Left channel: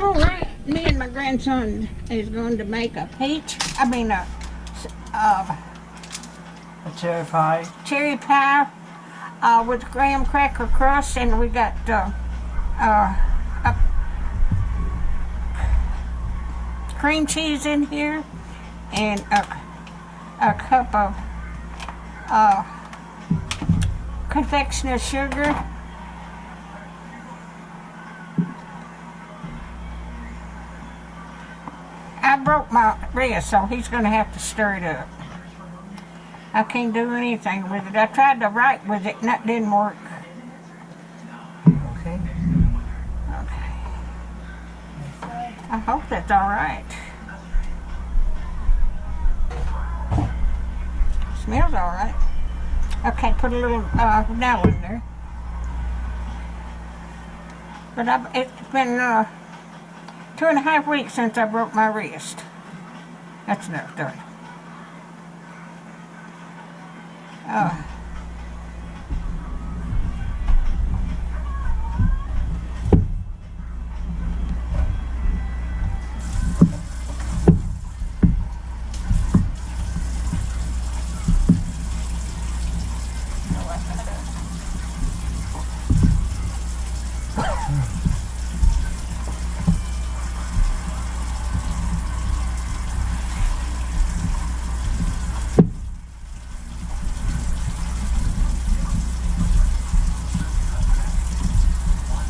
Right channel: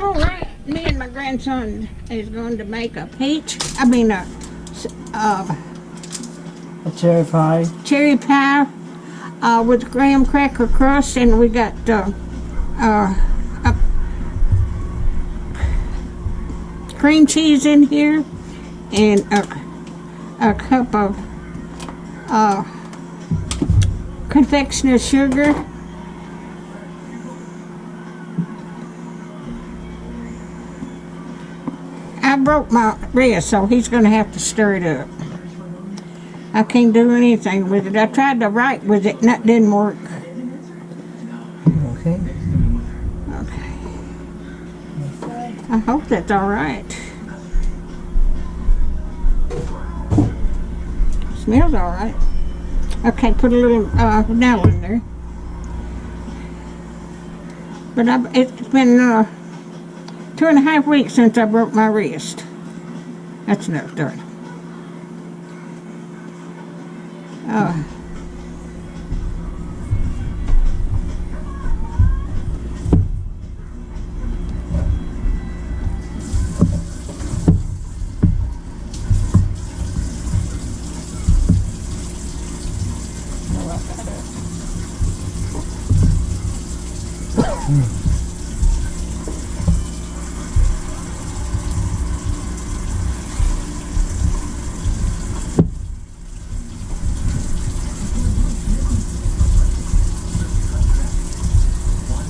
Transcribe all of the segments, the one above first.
All right, me and my grandson is going to make a A cherry pie. cherry pie with graham cracker crust, and we got cream cheese in here, and a cup of confectioner's sugar. I broke my wrist, so he's going to have to stir it up. I can't do anything with it. I tried to write with it, and that didn't work. Okay. Okay. I hope that's all right. Smells all right. Okay, put a little vanilla in there. But it's been 2.5 weeks since I broke my wrist. That's enough, darn.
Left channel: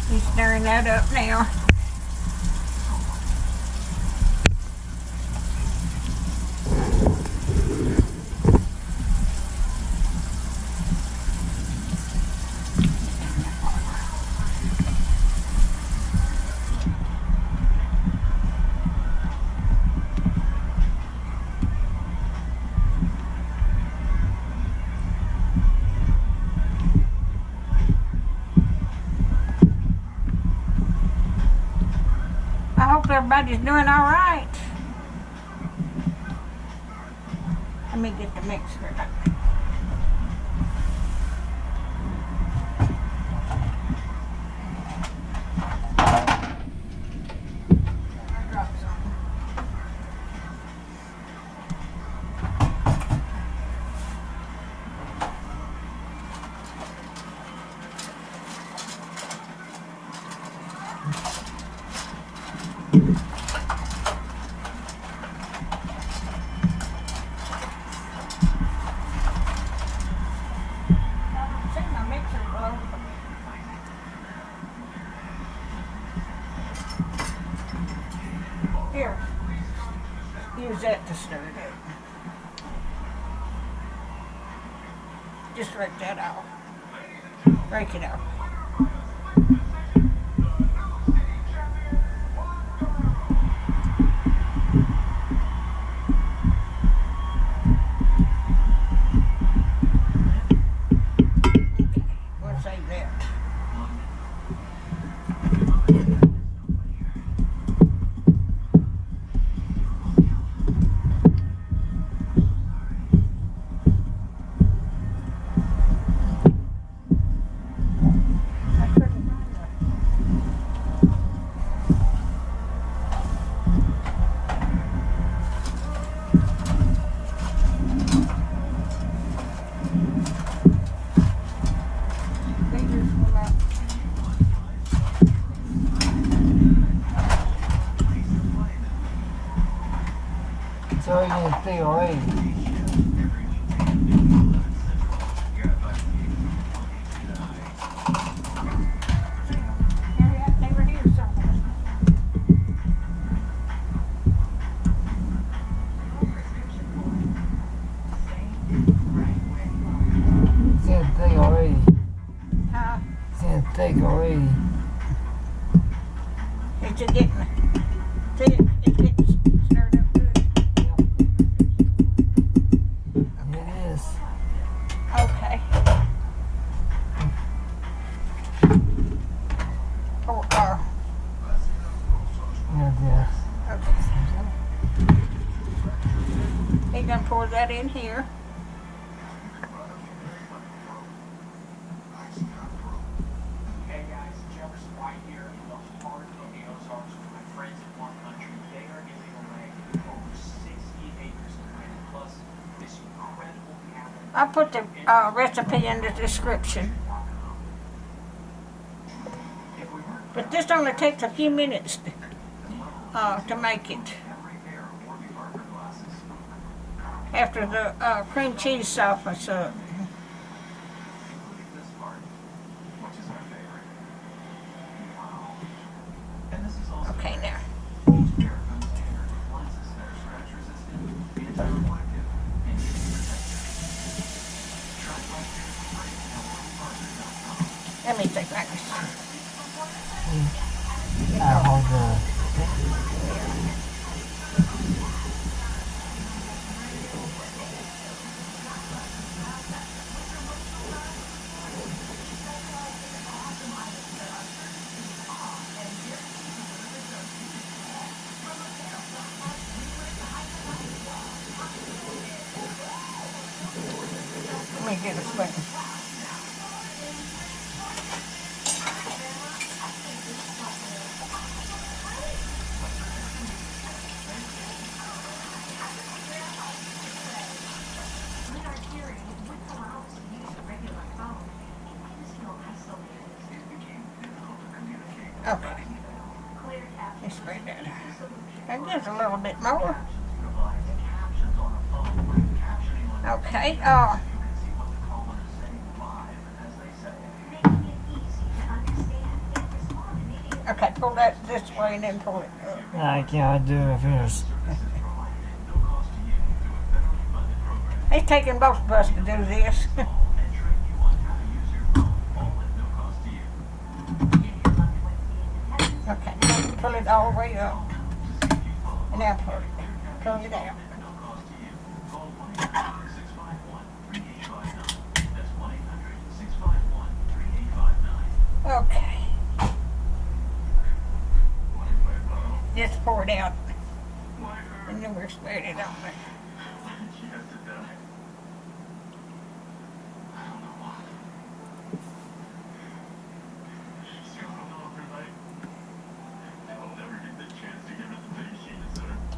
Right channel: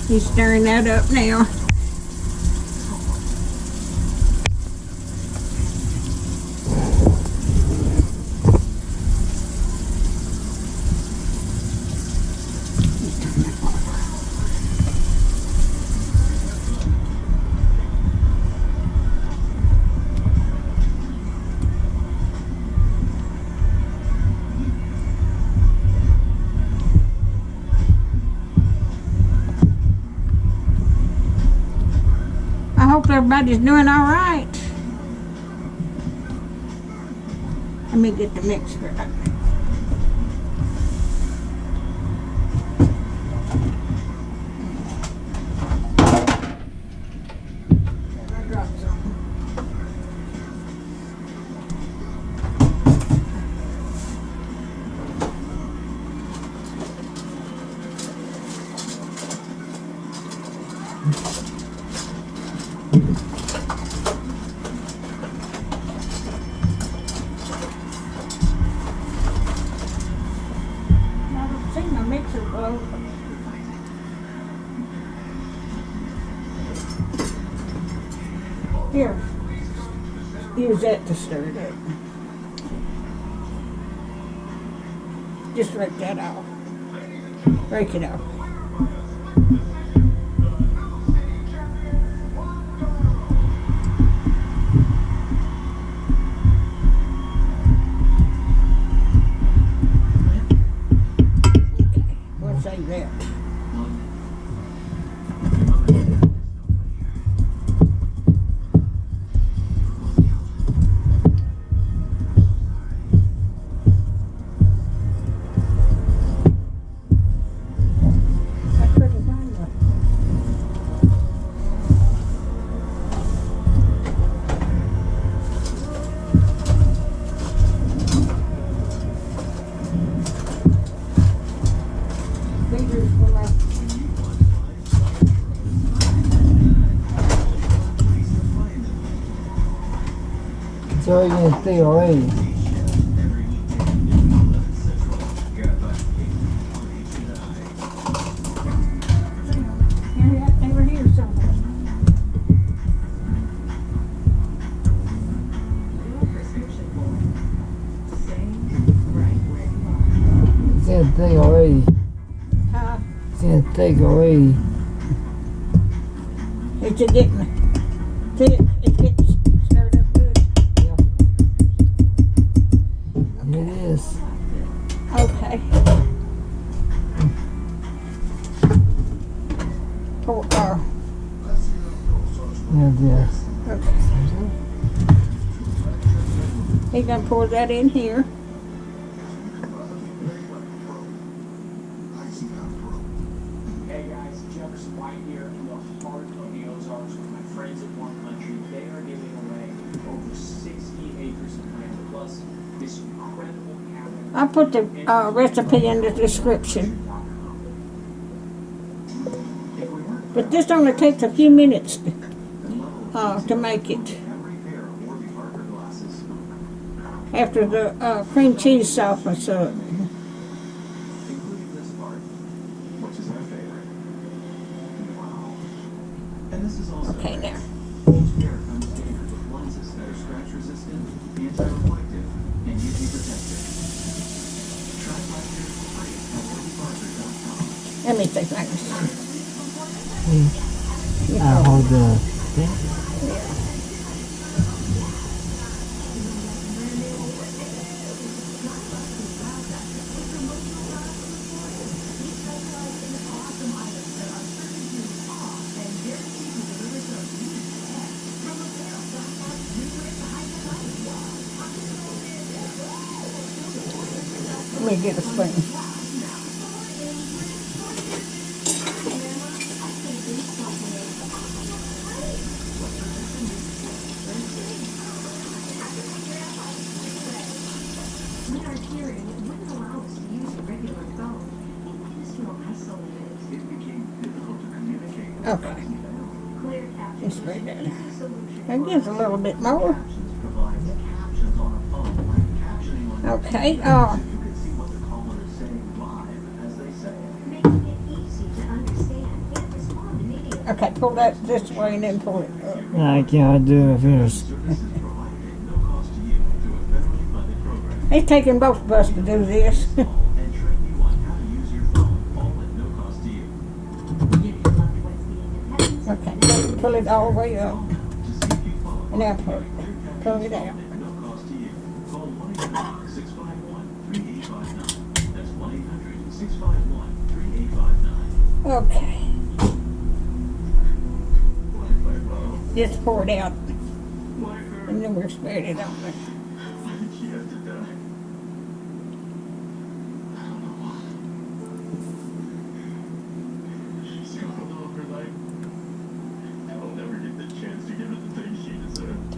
He's stirring that up now. I hope everybody's doing all right. Let me get the mixer up. My mixer broke. Here, use that to stir it up. Just rip that off. Break it off. Save that. I couldn't find one. Leaders for my It's already in the thing already. they were here somewhere. It's in the thing already. It's in the thing already. It's getting stirred up good. It is. Okay. Pour, Yes. okay. He's gonna pour that in here. Hey guys, Jefferson White here in the heart of the Ozarks with my friend I put the recipe in the description. But this only takes a few minutes to make it. After the cream cheese softens up. Okay, now. Let me see if I can see. I hold the thing. Yeah. Let me get a spoon. Okay. Let's spread that. That gives a little bit more. Okay. Okay, pull that this way and then pull it up. I can't do it first. It's taking both of us to do this. Okay, pull it all the way up. And now pull it out. Okay. Just pour it out. And then we'll spread it on there.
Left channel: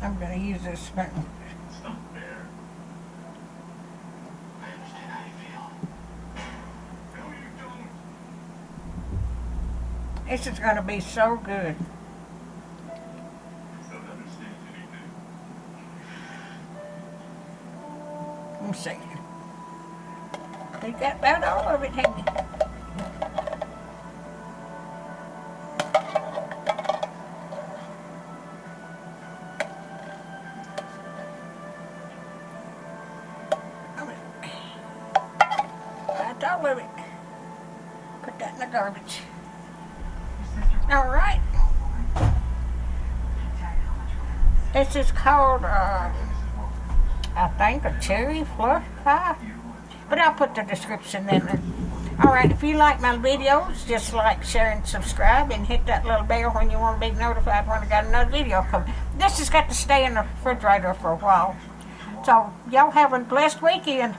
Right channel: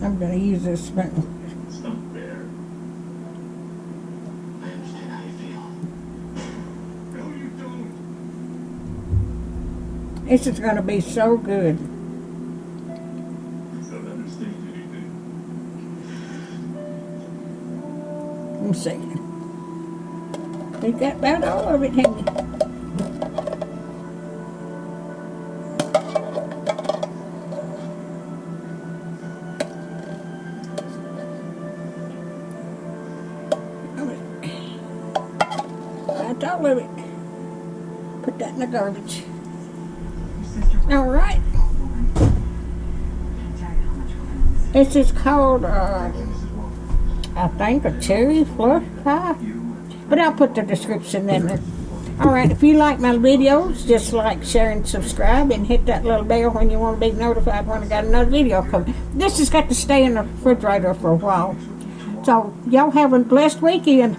I'm going to use this spoon. It's not fair. I understand how you feel. No, you don't. This is going to be so good. You don't understand anything. Let me see. You got about all of it, haven't you? That's all of it. Put that in the garbage. All right. This is called, I think, a cherry fluff pie. But I'll put the description in there. All right, if you like my videos, just like, share, and subscribe, and hit that little bell when you want to be notified when I got another video coming. This has got to stay in the refrigerator for a while. So, y'all have a blessed weekend.